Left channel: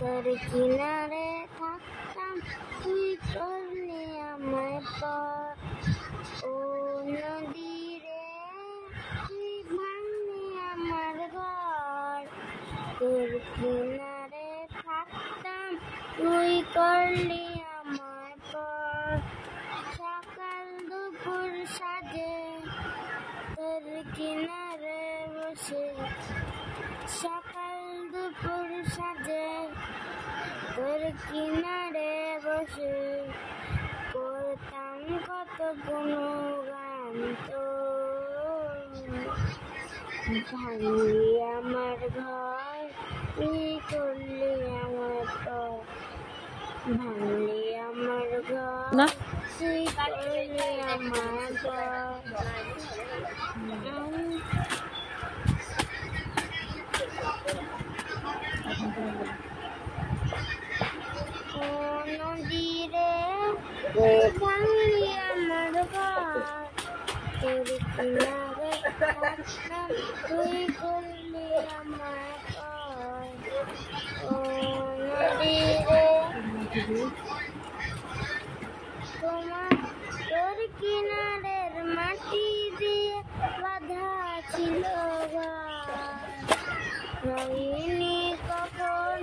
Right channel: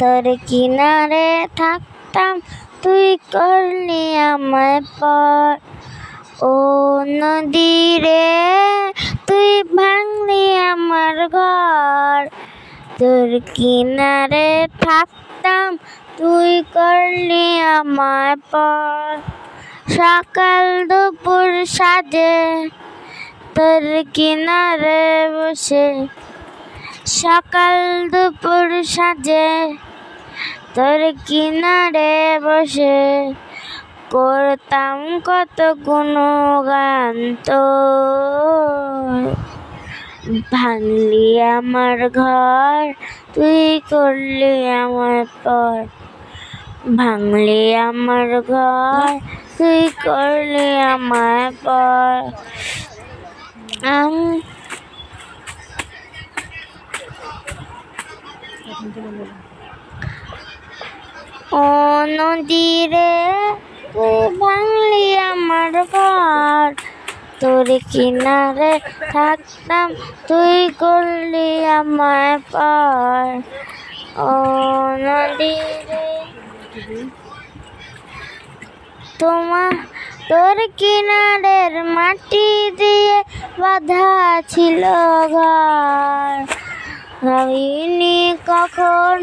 তোর কিনারে থাকতাম, তুই করলি আমায় পর। ও নদী রে, তুই ভাঙলি আমার ঘর। তোর কিনারে থাকতাম, তুই করলি আমায় পর। সকাল দুপুর সাজে তোর কিনারে বসে, সকাল দুপুর সাজে তোর কিনারে বসে করতাম কত গুণগান তোর। ভাঙলি আমার ঘর, তুই করলি আমার পর। ভাঙলি আমার ঘর, তুই করলি আমার পর। ও নদী রে, তুই ভাঙলি আমার ঘর। তোর কিনারে থাকতাম, তুই করলি আমায় পর। ও নদী রে, তোর কিনারের মাটি দিয়ে বাঁধা ছিল ঘর। ভাবিনি কখনো